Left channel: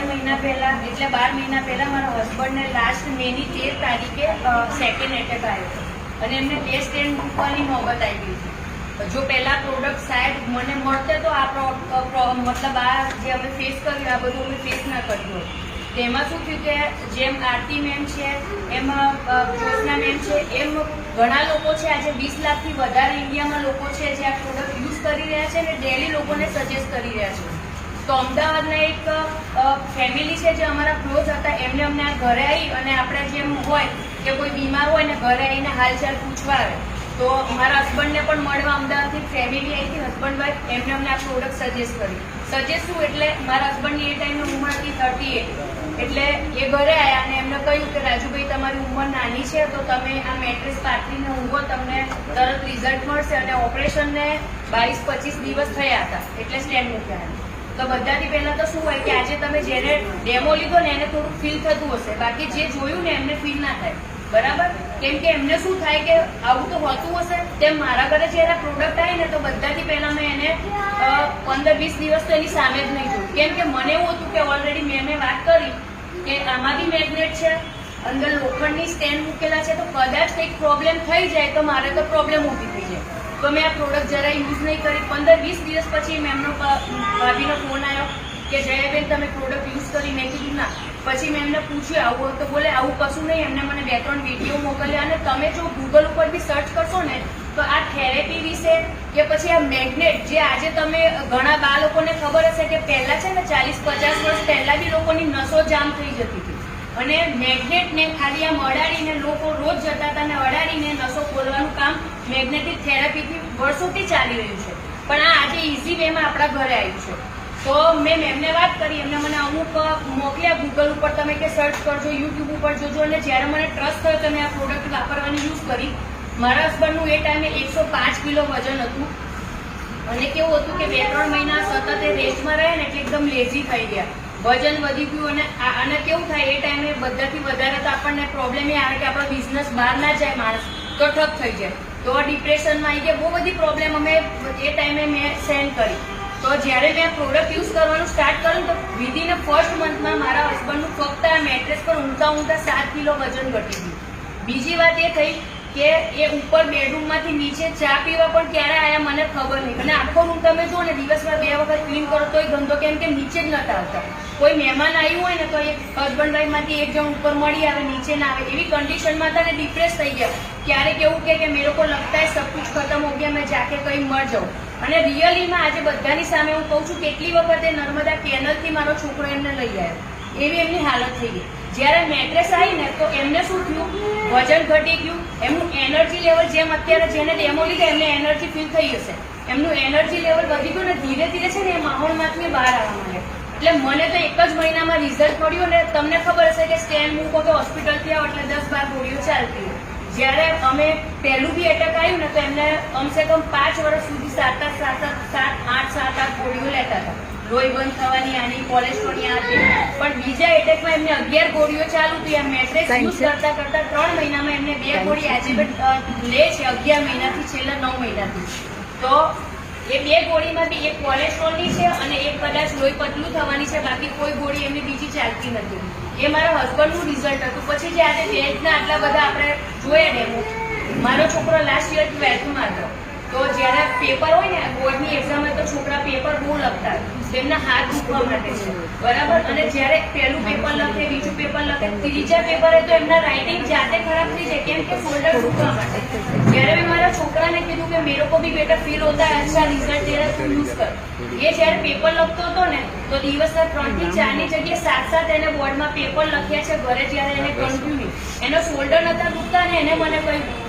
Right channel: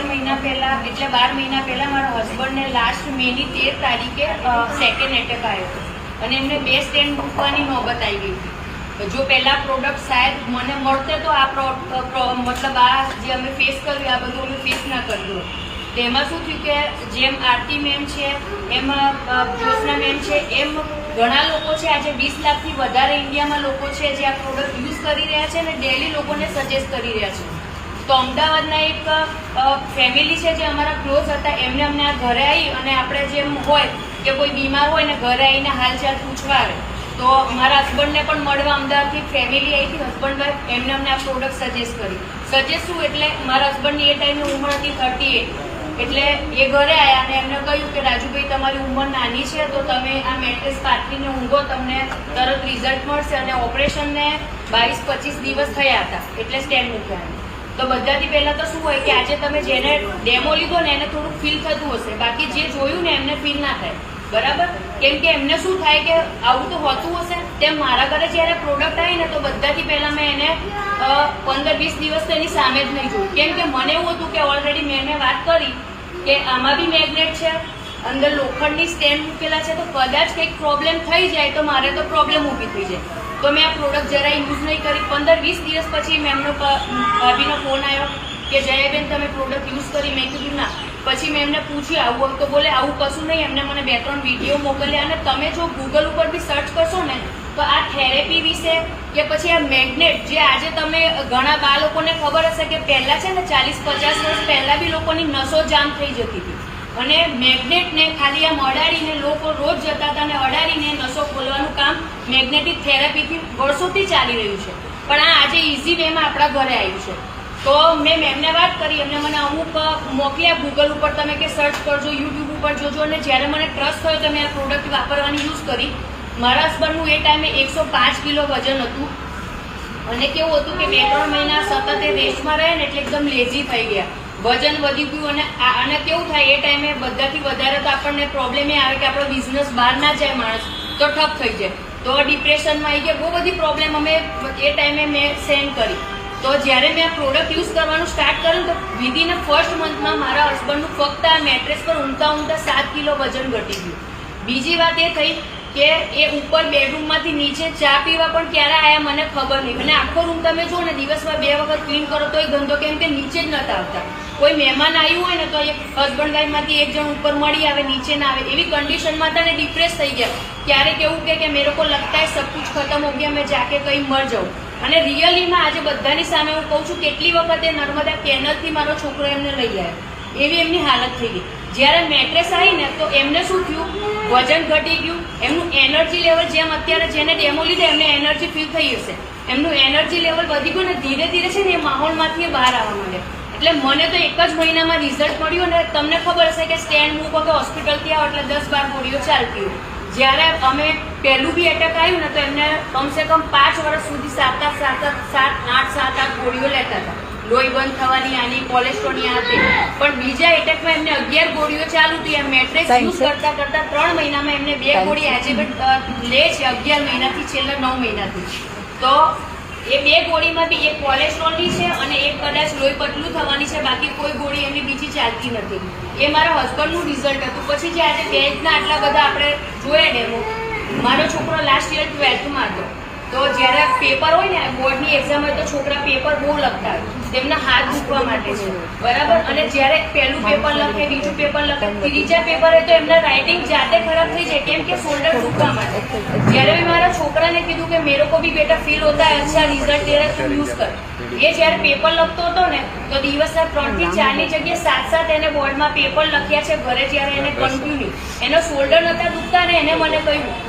11 મહિના પહેલા એટલે 12 મહિના પહેલા મારા હસબન્ડને લાસ્ટ મેની 13 તારીખે સેકન્ડ એટેક આવ્યો અને એમને 2 સ્ટેન્ડ મૂકવાની નોબત આવી ગઈ. જો પહેલા પ્રોડક્ટ શાયદ મને મળતે તો આ મતલબ આ જે અમે ફેસ કર્યું આ બધું અમે ફેસ ના કર્યું. તેમાં શું થયું કે જેમ આરતી મેમ છે એમાં જ્યોત્સના મેમ છે એમ ઘણા લોકો છે. આજે 20 લાખથી વધારે ઇન્ડિયામાં લોકો છે જે આ પ્રોડક્ટ યુઝ કરી રહ્યા છે અને ડેલી લોકોને સજેસ્ટ કરી રહ્યા છે. તો અમદાવાદના એક ફેમિલી છે જે અમારા ક્લોઝ હતા એમને અમને આ ઘરે આવી અને આપણે જેમ હોય કે કોઈ બીમાર હોય ને ઘરે આવીને હાલચાલ પૂછવા આવે તો મારા હસબન્ડને પણ મળવા અમદાવાદથી ફેમિલી આવી હતી હસબન્ડ વાઈફ એમને અમને આ પ્રોડક્ટ સજેસ્ટ કરી. સજેસ્ટ શું એટલે મારા હસબન્ડની એ ટાઈમની ઉંમર હતી 38 એટલે એ ઘરે આવ્યા અને એમને કહ્યું કે રાજુભાઈ તમારી ઉંમર નાની છે તો તમે આ મેટ્રેસ પાથરીને ઊંઘો તમને તરત રિઝલ્ટ મળશે. અને ઓપરેશનને 22-25 દિવસ થયા હતા એટલે સ્ટેન્ડ મૂક્યા. તો બધાથી પહેલા તો શું હોય કે આજે તમે જેને ડેમો લીધો ને એને થોડુંક ફીલ થતું હશે બાકી જે જોયું ને એમને ફીલ ના થાય બરાબર. કેમ કે એમને શું થાય કે આવું તો હોતું હશે. તેમ મારા ઘરે જયારે પ્રોડક્ટ આવી ને તો બધાથી પહેલા મેં એને 15-20 દિવસ તો એની સામે જ નહીં જોયું. કેમ કે મને એવું હતું કે ઓલરેડી મેં વાત કરી કે આમાં બી મેગ્નેટ છે અંદર લોખંડની સ્ટેન્ડ મૂકેલા છે તો કદાચ કંઈક પ્રોબ્લેમ થઈ જાય તો મારે તો પ્રોબ્લેમ ઊભી થઈ જાય. તો મેં આ પ્રોડક્ટ જરાય યુઝ નહીં કરી. 15-20 દિવસ પછી મેમનો ભાભીનો ફોન આવ્યો કે જયાબેન તમે પ્રોડક્ટ યુઝ કરી. મેં કીધું ના. પછી મેં એમને પૂછ્યું આવું તો બોલે આવું કશું નહીં. એમને મને 2-3 વિડીયો મોકલ્યા અને તમે જો ગૂગલ ઉપર બી સર્ચ કરશો ને તો આ થેરેપી વિશે કે પછી આ મેગ્નેટ જે આજે તમે ઘણા બાળકોને ખબર હશે કે પહેલા છે ને 40-50 વર્ષ પહેલા બી લોકોની નસો જામ થઈ જતી હતી અને મેગ્નેટને ખાલી આમ અડાડીને લોકો રોજ જતા હતા અને અડાડીને નસો ખોલવાનું કામ મેગ્નેટિક થેરાપીથી વર્ષોથી ચાલી રહ્યું છે. પણ આ આજે ઇઝી વેમાં આપણા ઘરે આવ્યું છે. તો મેં એમને વાત કરી એમને મને અમુક મોકલ્યા ગૂગલ ઉપર તમે કે સર્ચ કરજો યુટ્યુબ ઉપર જોજો. અને જ્યારે મને ટ્રસ્ટ થયો તો મેં આ પ્રોડક્ટ વાપરવાની યુઝ કરી. મારા હસબન્ડનું એ ટાઈમે 105 કિલો વજન હતું અને કેવું હતું કે 2-3 મહિના સતત એ રેસ્ટમાં રહે ને એટલે એકદમ લેઝી થઈ ગયા. વજન વધી ગયું અને કેવું થાય એ ટાઈમે બધાથી વધારે તો આપણને પ્રોબ્લેમ એ આવે કે આપણો બિઝનેસ બહાર ના જાય માણસ તો ઠપ થઈ જાય. તો ડિપ્રેશનમાં આવી ગયા. બહુ બધી પ્રોબ્લેમ અમે એ ટાઈમે મેં સેન્ડ કરી. તો જ્યારે મેં આ પ્રોડક્ટ યુઝ કરવાનું સ્ટાર્ટ કર્યું તો વિધિન ફર્સ્ટ મંથમાં મારા હસબન્ડનું ફક્ત આ મેટ્રેસ પર ઊંઘતા 7 કિલો વજન ઘટી ગયું. બીજી વાત એ થઈ કે એ ઉપર બેડરૂમમાંથી નીચે ચા પીવા પણ ક્યારે આવ્યા મને ખબર નહીં. અને આખો રૂમ તમે જુઓ ને દિવસમાં 2 વખત ક્લીન કરો તો એ ગંદો કેમ કે નીચે જ નતા આવતા. કોઈ મહેમાન આવ્યું હોય ને તો હસબન્ડ વાઈફમાંથી એક જણ ઉપર મળી આવે નીચે ના આવે એવી કન્ડિશનમાં હતા ને ડિપ્રેસ થઈ ગયા. ક્યારેક એવું કે મેરે કો લગતા હે સબ કુછ ખતમ હો ગયા મેં જાકે કहीं મર જાઉં. અને રિયલીમાં આજે બધાની સામે હું કહું છું કેટલી વખતે નર્મદા કેનલથી મારો છોકરો એમને લઈ આવ્યો એવી એમની હાલત થઈ ગઈ. જ્યારે મેટ્રેસ આવી ને તો એમને શું થયું વજન ઘટી ગયું. એમનું એનર્જી લેવલ જેમ અત્યારે જેને ડેમો લીધે એમને એનર્જી ફીલ થઈ હશે એમનું એનર્જી લેવલ વધી ગયું ને ધીરે ધીરે છે ને એ માહોલમાંથી બહાર આવવા માંડે. એટલે મને તો એક જ મહિનામાં રિઝલ્ટ મળ્યું અને તમને ખબર હશે કે સ્ટેન્ડ મૂકો કે હોસ્પિટલથી આવો એટલે 10-12 ગોળીઓ ચાલતી હોય. જ્યારે અમે પહેલું બી એટેક આવ્યું ને તો એમને કમસે કમ 5 વર્ષ સુધી 7-8 ગોળીઓ લેતા હતા. લોહી બંધ થવાની આની કોલેસ્ટ્રોલની આ તે. પણ બીજા એટેકમાં એમને 11 ગોળીઓ ચાલુ હતી. આ મેટ્રેસ યુઝ કરતા 3 મહિનામાં એમને 2 ગોળી આજે લે છે 11 મહિનાથી છેલ્લા 9 મહિનાથી. તો એ 2 ગોળીમાંથી એક કોલેસ્ટ્રોલની છે અને એક કદાચ લોહી પતલું થવાની છે. બાકી કોઈ ગોળી એમની બીજી ચાલતી નથી. એ મારા હસબન્ડનું રિઝલ્ટ હતું. પછી જે આજે ટેન્થના આટલા બધા આપણે જોયા ડેમો મારો છોકરો લાસ્ટ યર 12થમાં હતો. તો જ્યારે પેપર હોય ને બોર્ડની એક્ઝામ હોય તો છોકરા પેપર બહુ લખતા હોય તેમના હાથ દુખવા માટે છે બરાબર. અને જ્યારે પહેલું પેપર લખે બીજું પેપર લખે ત્રીજા પેપરે તો એમના રાઇટિંગ જાતે ખરાબ થઈ જાય કેમ કે શોલ્ડર દુખવા માટે. જ્યારે મેં મારા છોકરાને કીધું કે મેરે કો ભી બેટા ફીલ હોતા હૈ અચ્છા રિઝલ્ટ દે રહા તું યુઝ કર. એ જ્યારે પેપર લખતો હતો ને તો દિવસે 3 થી 4 ની જગ્યાએ 7 એને બોર્ડમાં પેપર લખ્યા છે ઘરે. જ્યારે એને કન્ટિન્યુ એનો શોલ્ડર નતા દુખતા ને એને મને કહ્યું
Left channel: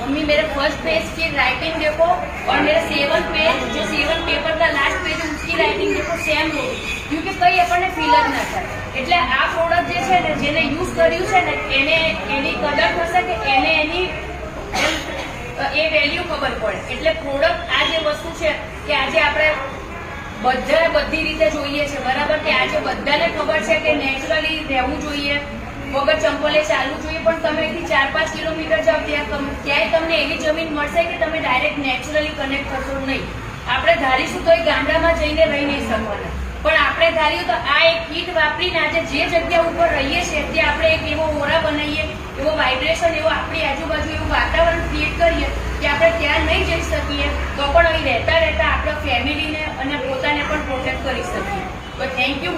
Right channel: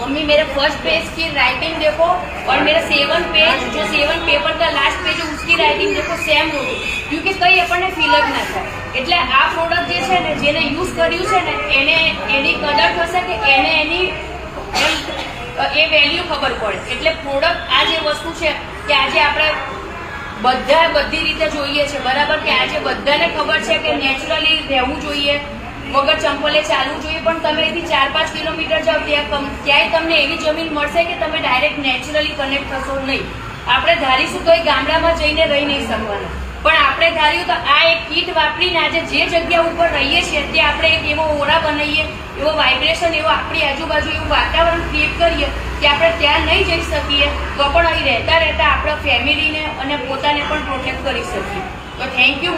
मम्मी मेरे फर्स्ट पेज की राइटिंग देखो और मेरा 7 पेज जो 7 पेपर का लास्ट पेज है उसकी राइटिंग देखो सेम हो गई. क्योंकि कई આપણને ફીલ જ ના થાય. એટલે આ પ્રોડક્ટ જે છે ને જેને યુઝ કર્યું છે ને એને એની કદર થશે કે એને એની એ વેલ્યુ ખબર પડે. એટલે પ્રોડક્ટ આ જે વસ્તુ છે કે આજે આપણે બધી રીતે જોઈએ છે બરાબર કે આજે બધાને ખબર છે કે નેચરલી રહેવું જોઈએ વગર ચંપલે ચાલવું જોઈએ. પણ તમે અહીંથી 4-5 કિલોમીટર જાઓ ક્યાંય તમને એવી જમીન મળશે કે તમે ડાયરેક્ટ નેચરલી કનેક્ટ થશો નહીં. આપણે ધારીશું તો એ ગામડામાં જઈને રહી નહીં શકવાના. પણ આપણે ધાર્યું તો આ એક કીટ વાપરીને આજે જે જગ્યા ઉપર રહીએ છીએ તે આપણે એક એવો ઓરા બનાવીએ, એવો વાઇબ્રેશન, એવો આપણી આજુબાજુ એવું વાતાવરણ ક્રિએટ કરીએ કે આપણે ત્યાં નહીં જઈ શકીએ તો પણ અહીં રહેતા રહેતા આપણા ફેમિલીને અને પોતાને પણ પ્રોટેક્ટ કરી શકીએ. તો થેન્ક યુ.